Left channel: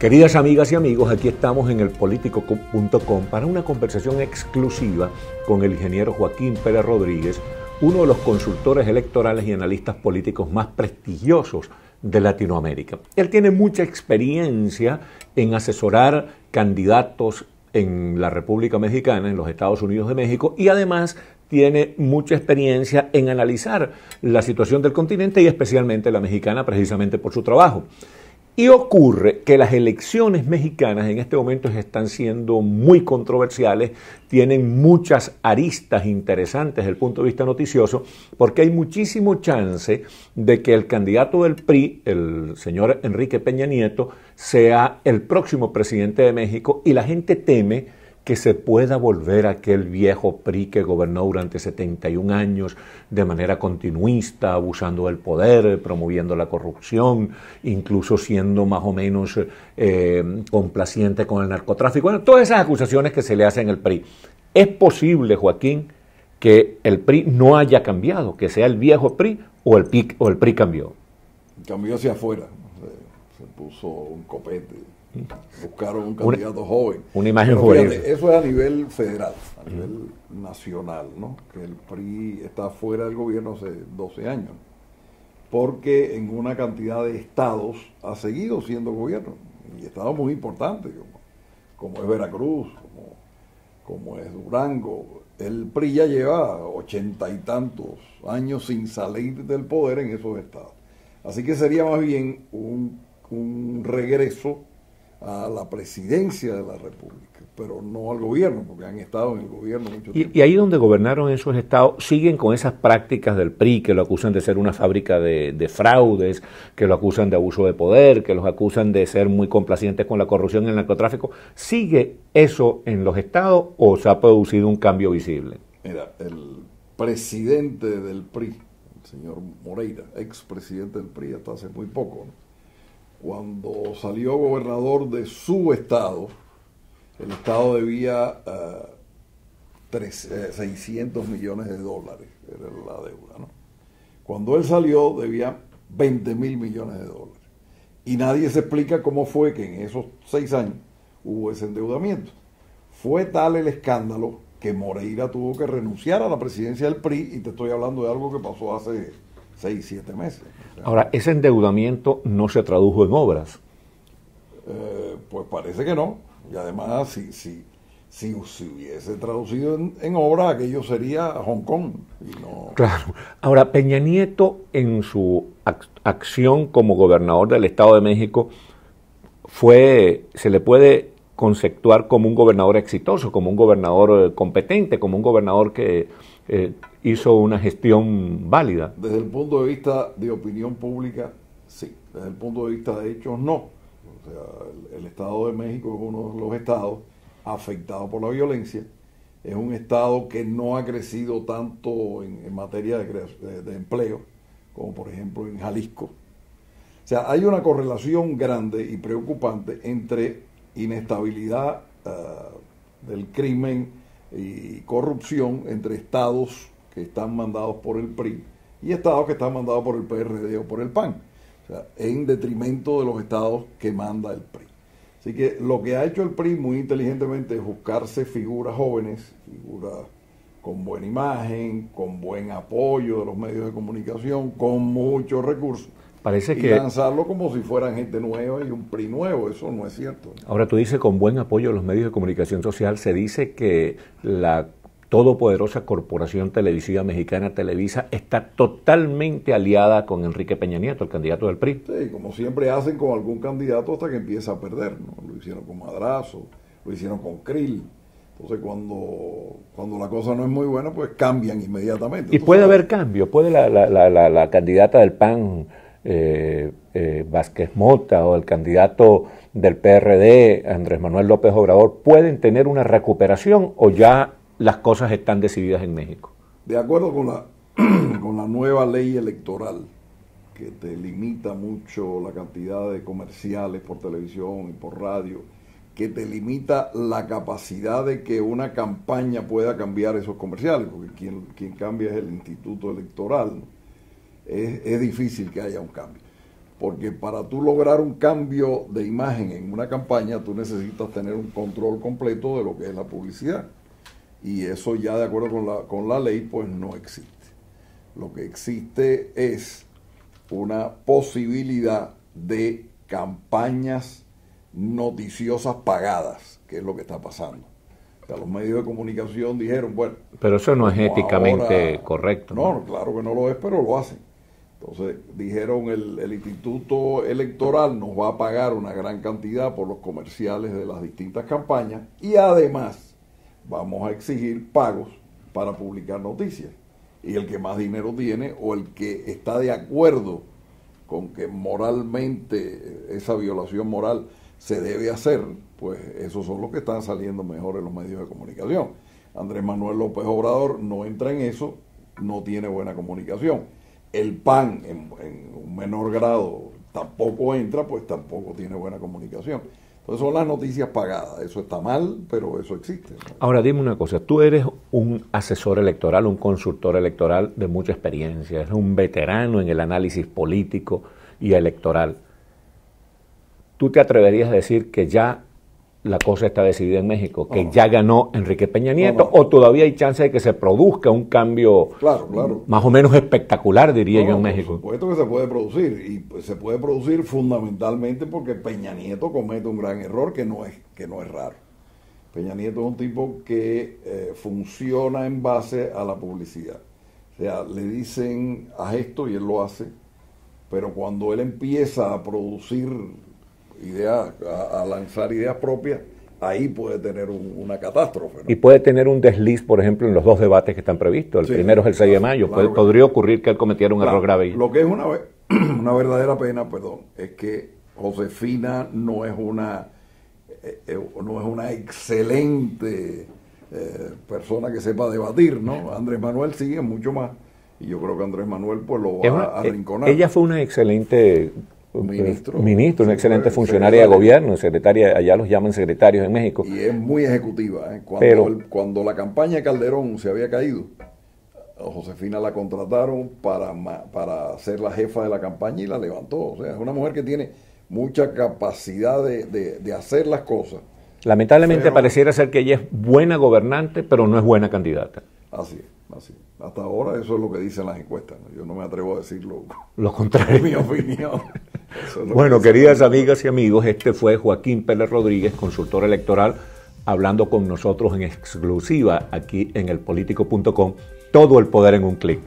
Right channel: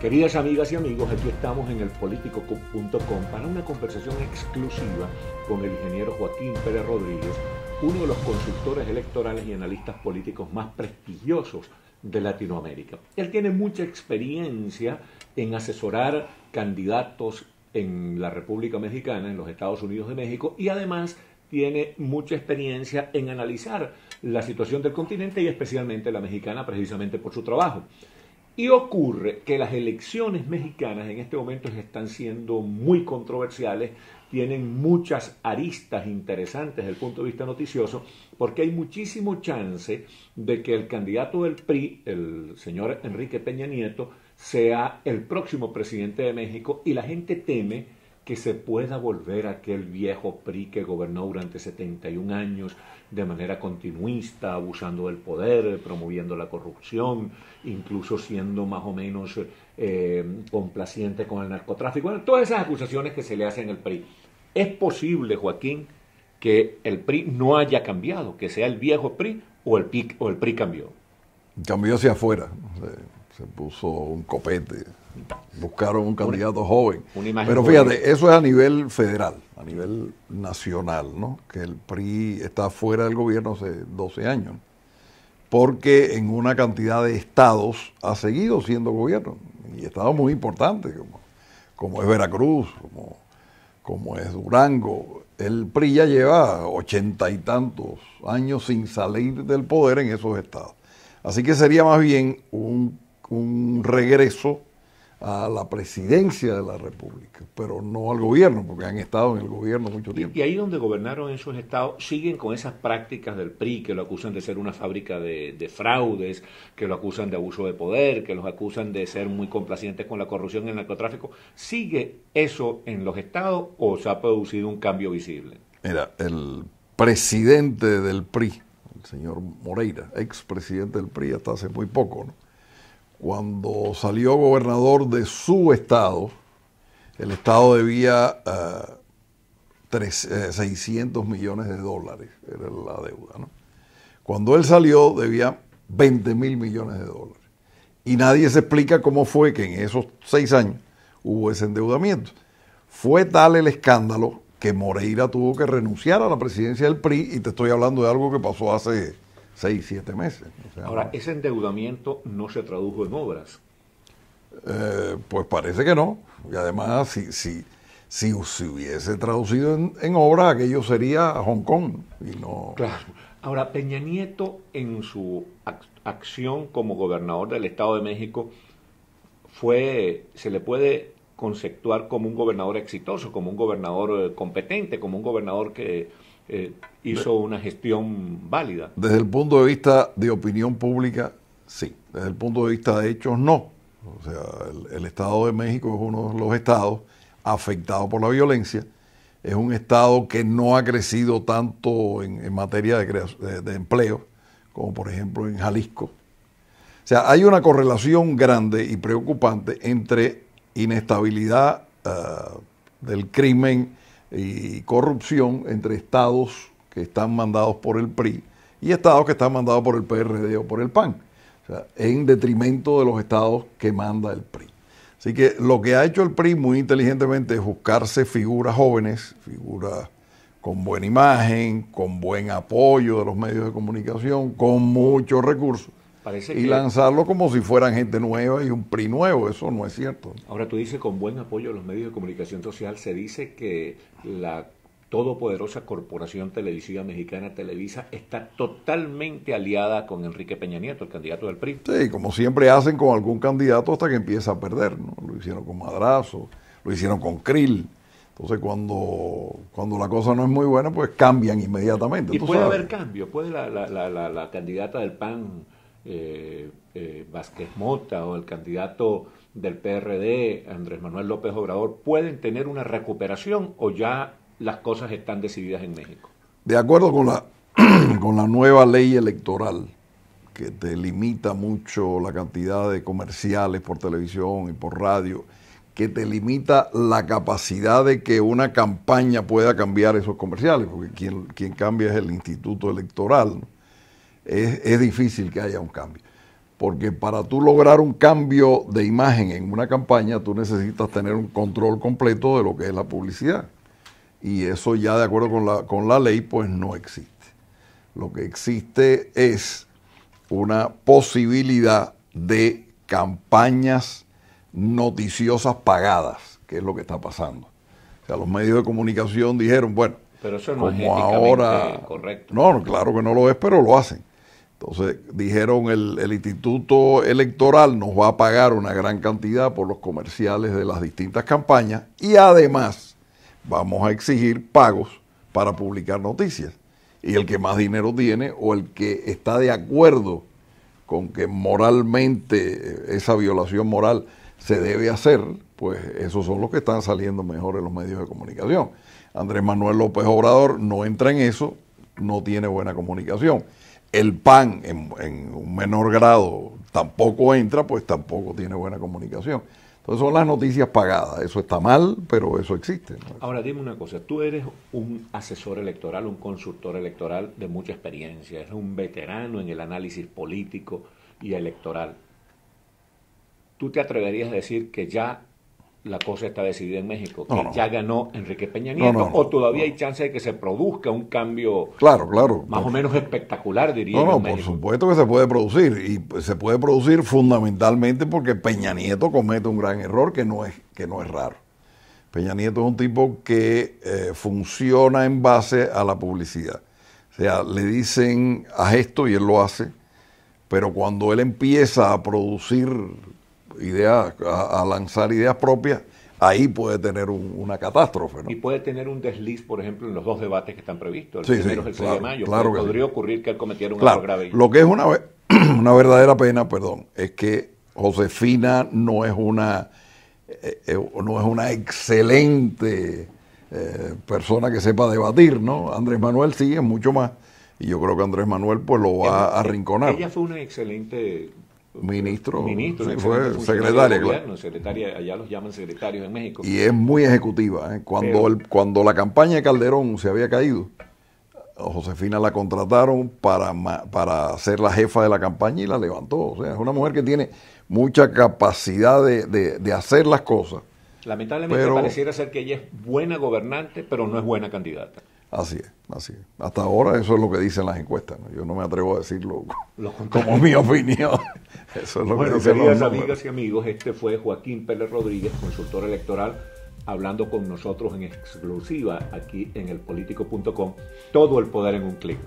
Queridas amigas y amigos, aquí estamos en elpolitico.com para una conversación exclusiva con el ingeniero Joaquín Pérez Rodríguez, uno de los consultores electorales y analistas políticos más prestigiosos de Latinoamérica. Él tiene mucha experiencia en asesorar candidatos en la República Mexicana, en los Estados Unidos de México, y además tiene mucha experiencia en analizar la situación del continente y especialmente la mexicana, precisamente por su trabajo. Y ocurre que las elecciones mexicanas en este momento están siendo muy controversiales, tienen muchas aristas interesantes desde el punto de vista noticioso, porque hay muchísimo chance de que el candidato del PRI, el señor Enrique Peña Nieto, sea el próximo presidente de México, y la gente teme que se pueda volver aquel viejo PRI que gobernó durante 71 años de manera continuista, abusando del poder, promoviendo la corrupción, incluso siendo más o menos complaciente con el narcotráfico. Bueno, todas esas acusaciones que se le hacen al PRI. ¿Es posible, Joaquín, que el PRI no haya cambiado, que sea el viejo PRI o el PRI cambió? Cambió hacia afuera, se puso un copete. Buscaron un candidato joven. Una imagen Pero juvenil. fíjate, eso es a nivel federal, a nivel nacional, ¿no? Que el PRI está fuera del gobierno hace 12 años. Porque en una cantidad de estados ha seguido siendo gobierno. Y estados muy importantes, como es Veracruz, como es Durango. El PRI ya lleva 80 y tantos años sin salir del poder en esos estados. Así que sería más bien un regreso a la presidencia de la República, pero no al gobierno, porque han estado en el gobierno mucho tiempo. Y ahí donde gobernaron esos estados, siguen con esas prácticas del PRI, que lo acusan de ser una fábrica de fraudes, que lo acusan de abuso de poder, que los acusan de ser muy complacientes con la corrupción y el narcotráfico. ¿Sigue eso en los estados o se ha producido un cambio visible? Mira, el presidente del PRI, el señor Moreira, expresidente del PRI hasta hace muy poco, ¿no? Cuando salió gobernador de su estado, el estado debía 600 millones de dólares, era la deuda, ¿no? Cuando él salió debía 20 mil millones de dólares. Y nadie se explica cómo fue que en esos 6 años hubo ese endeudamiento. Fue tal el escándalo que Moreira tuvo que renunciar a la presidencia del PRI, y te estoy hablando de algo que pasó hace 6, 7 meses. Ahora, ¿ese endeudamiento no se tradujo en obras? Pues parece que no. Y además, si se hubiese traducido en obras, aquello sería Hong Kong. Y no... Claro. Ahora, Peña Nieto, en su acción como gobernador del Estado de México, se le puede conceptuar como un gobernador exitoso, como un gobernador competente, como un gobernador que hizo una gestión válida. Desde el punto de vista de opinión pública, sí. Desde el punto de vista de hechos, no. O sea, el Estado de México es uno de los estados afectados por la violencia. Es un estado que no ha crecido tanto en materia de empleo, como por ejemplo en Jalisco. O sea, hay una correlación grande y preocupante entre inestabilidad del crimen y corrupción entre estados que están mandados por el PRI y estados que están mandados por el PRD o por el PAN, o sea, en detrimento de los estados que manda el PRI. Así que lo que ha hecho el PRI muy inteligentemente es buscarse figuras jóvenes, figuras con buena imagen, con buen apoyo de los medios de comunicación, con muchos recursos. Parece y que lanzarlo como si fueran gente nueva y un PRI nuevo. Eso no es cierto. Ahora tú dices con buen apoyo de los medios de comunicación social. Se dice que la todopoderosa corporación televisiva mexicana Televisa está totalmente aliada con Enrique Peña Nieto, el candidato del PRI. Sí, como siempre hacen con algún candidato hasta que empieza a perder, ¿no? Lo hicieron con Madrazo, lo hicieron con Krill. Entonces cuando la cosa no es muy buena, pues cambian inmediatamente. Y puede haber cambio, puede la candidata del PAN, Vázquez Mota, o el candidato del PRD, Andrés Manuel López Obrador, pueden tener una recuperación, o ya las cosas están decididas en México. De acuerdo con la nueva ley electoral, que te limita mucho la cantidad de comerciales por televisión y por radio, que te limita la capacidad de que una campaña pueda cambiar esos comerciales, porque quien cambia es el Instituto Electoral, ¿no? Es difícil que haya un cambio. Porque para tú lograr un cambio de imagen en una campaña, tú necesitas tener un control completo de lo que es la publicidad. Y eso ya de acuerdo con la ley, pues no existe. Lo que existe es una posibilidad de campañas noticiosas pagadas, que es lo que está pasando. O sea, los medios de comunicación dijeron, bueno... Pero eso no es éticamente correcto. No, claro que no lo es, pero lo hacen. Entonces dijeron el Instituto Electoral nos va a pagar una gran cantidad por los comerciales de las distintas campañas y además vamos a exigir pagos para publicar noticias. Y el que más dinero tiene o el que está de acuerdo con que moralmente esa violación moral se debe hacer, pues esos son los que están saliendo mejor en los medios de comunicación. Andrés Manuel López Obrador no entra en eso, no tiene buena comunicación. El PAN en un menor grado tampoco entra, pues tampoco tiene buena comunicación. Entonces son las noticias pagadas. Eso está mal, pero eso existe, ¿no? Ahora dime una cosa, tú eres un asesor electoral, un consultor electoral de mucha experiencia, eres un veterano en el análisis político y electoral. ¿Tú te atreverías a decir que ya la cosa está decidida en México, que ya ganó Enrique Peña Nieto, o todavía hay chance de que se produzca un cambio más o menos espectacular, diría yo, en México? Por supuesto que se puede producir, y se puede producir fundamentalmente porque Peña Nieto comete un gran error que no es raro. Peña Nieto es un tipo que funciona en base a la publicidad. O sea, le dicen haz esto y él lo hace, pero cuando él empieza a producir ideas, a lanzar ideas propias, ahí puede tener una catástrofe, ¿no? Y puede tener un desliz, por ejemplo, en los dos debates que están previstos. El primero es el 6 de mayo. Podría ocurrir que él cometiera un error grave. Lo que es una verdadera pena, es que Josefina no es una excelente persona que sepa debatir, ¿no? Andrés Manuel sí es mucho más. Y yo creo que Andrés Manuel pues lo va a arrinconar. Ella fue una excelente... Ministro, una excelente funcionaria de gobierno, secretaria, allá los llaman secretarios en México. Y es muy ejecutiva. Cuando la campaña de Calderón se había caído, a Josefina la contrataron para ser la jefa de la campaña y la levantó. O sea, es una mujer que tiene mucha capacidad de hacer las cosas. Lamentablemente pareciera ser que ella es buena gobernante, pero no es buena candidata. Así es. Hasta ahora eso es lo que dicen las encuestas, ¿no? Yo no me atrevo a decirlo lo contrario. Es mi opinión. Eso es lo bueno, queridas amigas y amigos, este fue Joaquín Pérez Rodríguez, consultor electoral, hablando con nosotros en exclusiva aquí en elpolitico.com. Todo el poder en un clic.